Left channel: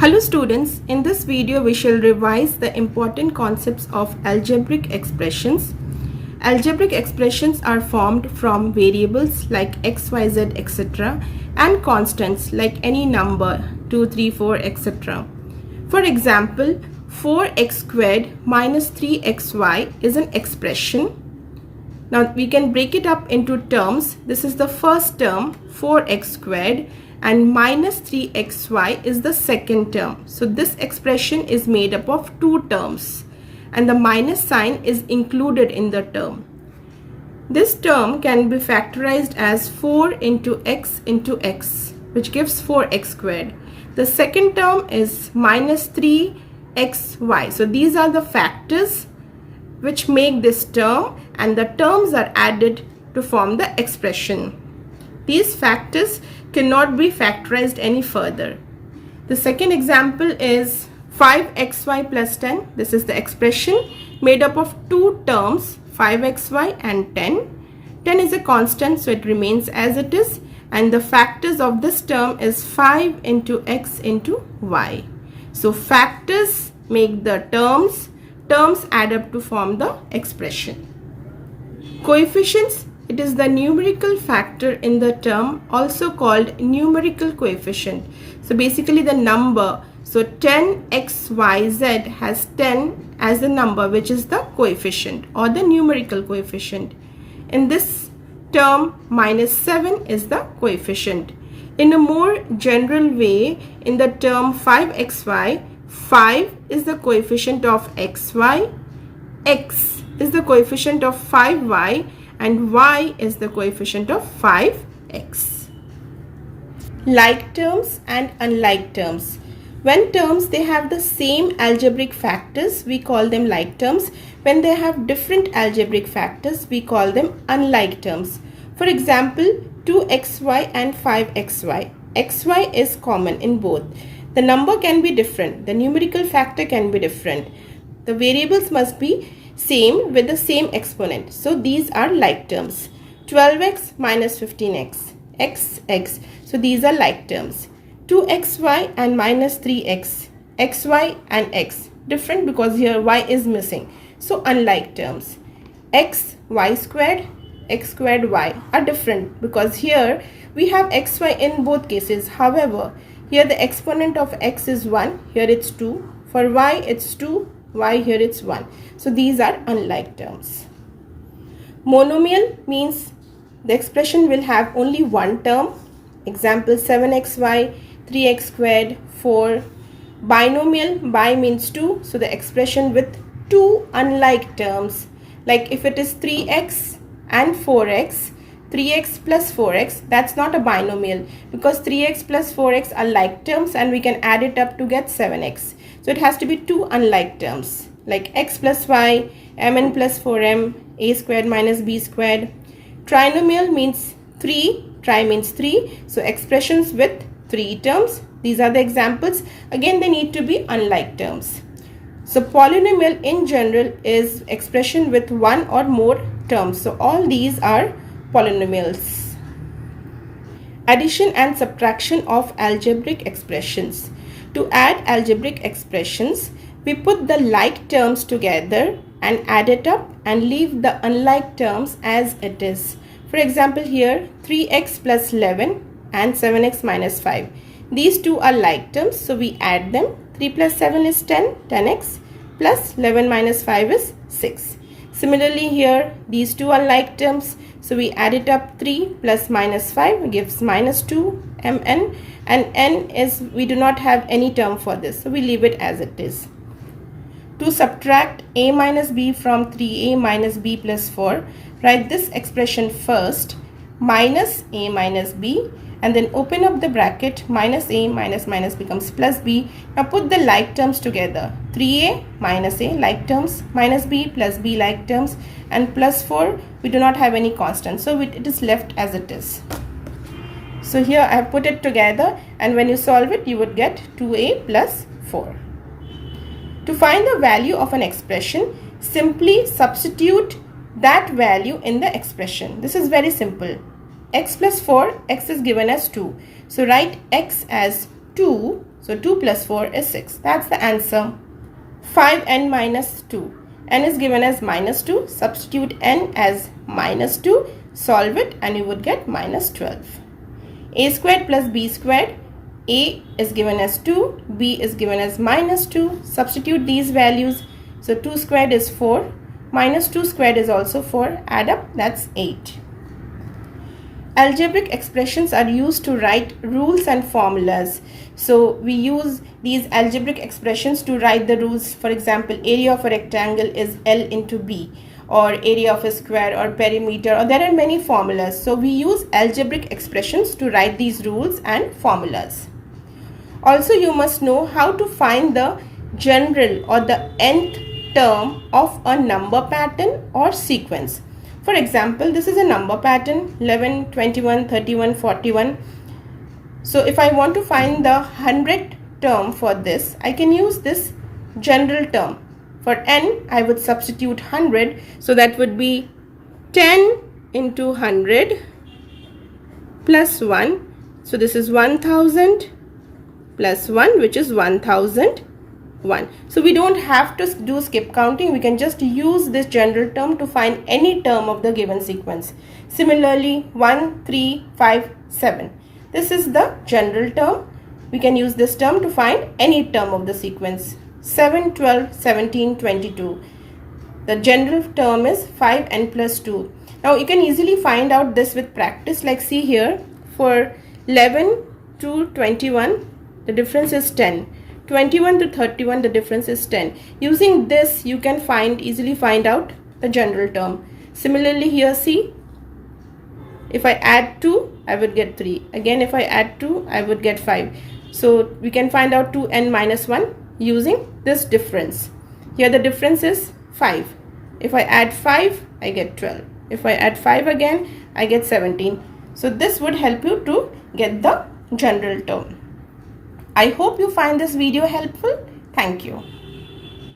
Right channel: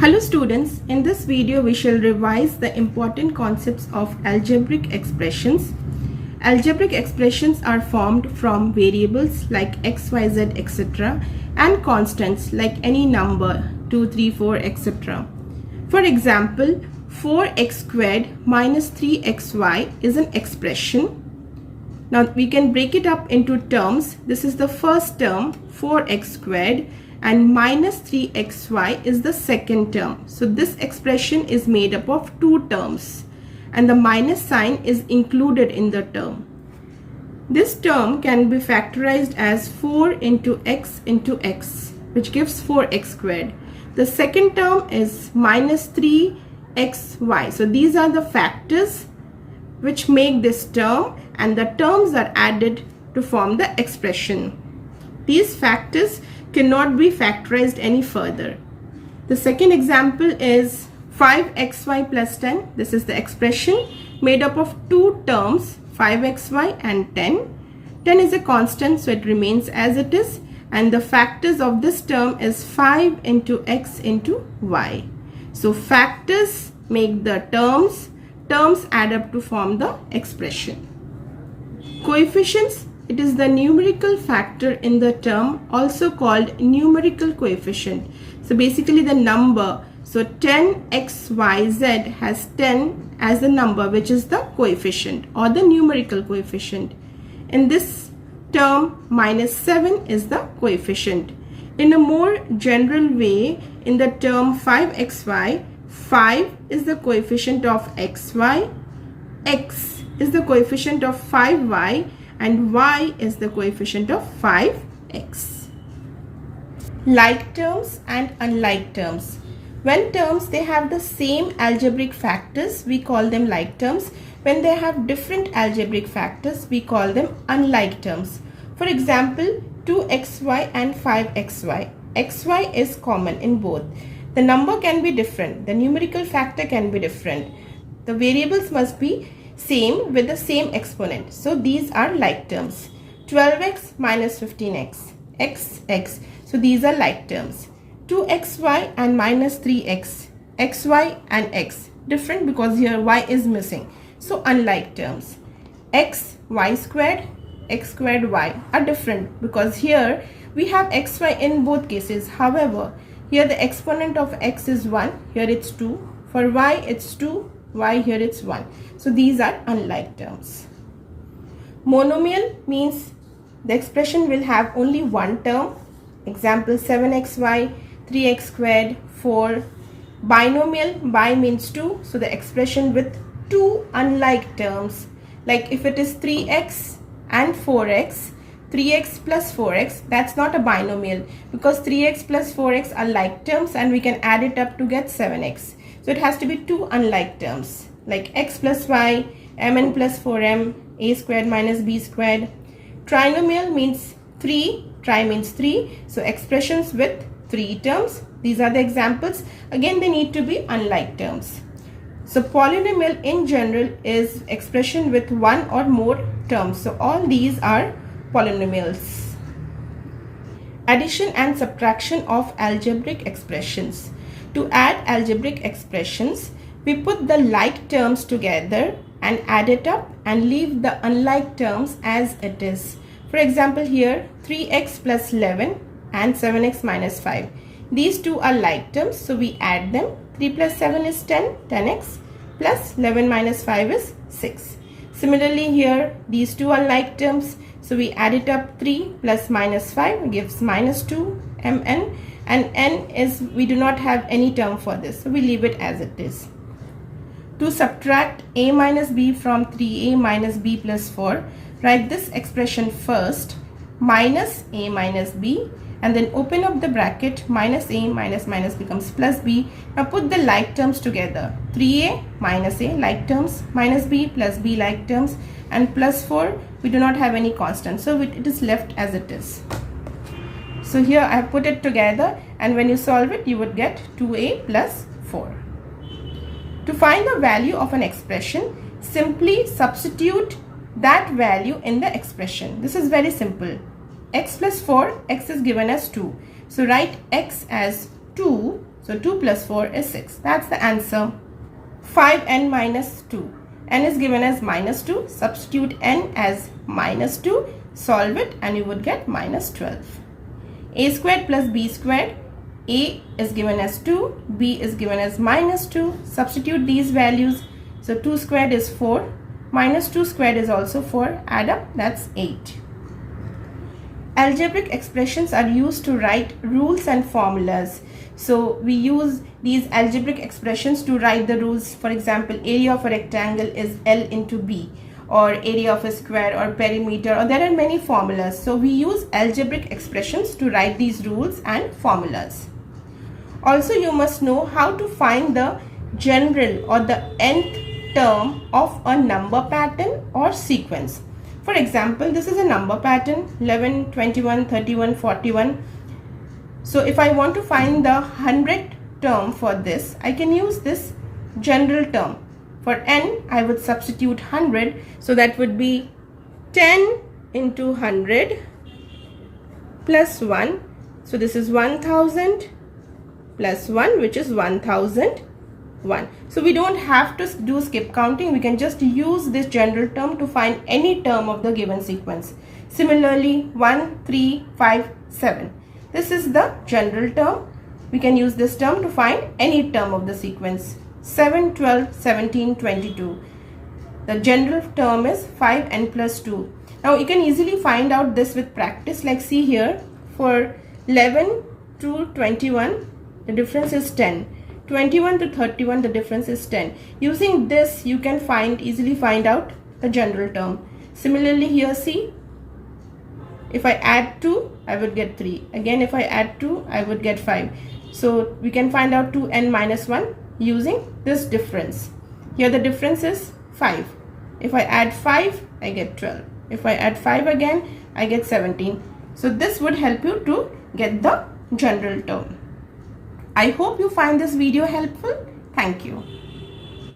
Hello students, in this video we shall revise the important concepts of algebraic expressions. Algebraic expressions are formed from variables like x, y, z, etc. and constants like any number 2, 3, 4, etc. For example, 4x squared minus 3xy is an expression. Now we can break it up into terms. This is the first term, 4x squared, and minus 3xy is the second term. So this expression is made up of two terms and the minus sign is included in the term. This term can be factorized as 4 into x, which gives 4x squared. The second term is minus 3xy. So these are the factors which make this term, and the terms are added to form the expression. These factors cannot be factorized any further. The second example is 5xy plus 10. This is the expression made up of two terms, 5xy and 10. 10 is a constant, so it remains as it is, and the factors of this term is 5 into x into y. So factors make the terms add up to form the expression. Coefficients, it is the numerical factor in the term, also called numerical coefficient. So basically the number, so 10xyz has 10 as the number, which is the coefficient or the numerical coefficient. In this term, minus 7 is the coefficient. In a more general way, in the term 5xy, 5 is the coefficient of xy, x is the coefficient of 5y, and y is the coefficient of 5x. Like terms and unlike terms. When terms they have the same algebraic factors, we call them like terms. When they have different algebraic factors, we call them unlike terms. For example, 2xy and 5xy. xy is common in both. The number can be different. The numerical factor can be different. The variables must be same with the same exponent. So these are like terms. 12x minus 15x. x. So these are like terms. 2xy and minus 3x. xy and x. Different because here y is missing. So unlike terms. x, y squared, x squared, y are different because here we have xy in both cases. However, here the exponent of x is 1, here it's 2. For y it's 2, y here it's 1. So these are unlike terms. Monomial means the expression will have only one term. Example 7xy, 3x squared, 4. Binomial, bi means 2. So the expression with two unlike terms. Like if it is 3x and 4x, 3x plus 4x, that's not a binomial because 3x plus 4x are like terms and we can add it up to get 7x. So it has to be two unlike terms like x plus y, mn plus 4m, a squared minus b squared. Trinomial means 3, tri means 3. So expressions with 3 terms. These are the examples. Again, they need to be unlike terms. So polynomial in general is expression with one or more terms. So all these are polynomials. Addition and subtraction of algebraic expressions. To add algebraic expressions, we put the like terms together and add it up and leave the unlike terms as it is. For example, here 3x plus 11 and 7x minus 5. These two are like terms, so we add them. 3 plus 7 is 10, 10x plus 11 minus 5 is 6. Similarly here, these two are like terms, so we add it up. 3 plus minus 5 gives minus 2 mn, and n is, we do not have any term for this, so we leave it as it is. To subtract a minus b from 3a minus b plus 4, write this expression first, minus a minus b, and then open up the bracket, minus a minus becomes plus b. Now put the like terms together. 3a minus a like terms, minus b plus b like terms, and plus 4, we do not have any constant, so it is left as it is. So here I have put it together, and when you solve it, you would get 2a plus 4. To find the value of an expression, simply substitute that value in the expression. This is very simple. X plus 4, x is given as 2. So write x as 2 So 2 plus 4 is 6. That's the answer. 5n minus 2. N is given as minus 2. Substitute n as minus 2. Solve it and you would get minus 12. A squared plus b squared. A is given as 2. B is given as minus 2. Substitute these values. So 2 squared is 4. Minus 2 squared is also 4. Add up, that's 8. Algebraic expressions are used to write rules and formulas. So we use these algebraic expressions to write the rules. For example, area of a rectangle is L into B, or area of a square, or perimeter, or there are many formulas. So we use algebraic expressions to write these rules and formulas. Also, you must know how to find the general or the nth term of a number pattern or sequence. For example, this is a number pattern 11, 21, 31, 41. So if I want to find the 100th term for this, I can use this general term. For n, I would substitute 100. So that would be 10 into 100 plus 1. So this is 1000 plus 1, which is 1001. So we don't have to do skip counting. We can just use this general term to find any term of the given sequence. Similarly, 1, 3, 5, 7. This is the general term. We can use this term to find any term of the sequence. 7, 12, 17, 22. The general term is 5n plus 2. Now you can easily find out this with practice. Like see here, for 11 to 21, the difference is 10. 21 to 31, the difference is 10. Using this, you can easily find out the general term. Similarly, here see, if I add 2, I would get 3. Again, if I add 2, I would get 5. So we can find out 2n minus 1 using this difference. Here the difference is 5. If I add 5, I get 12. If I add 5 again, I get 17. So this would help you to get the general term. I hope you find this video helpful. Thank you.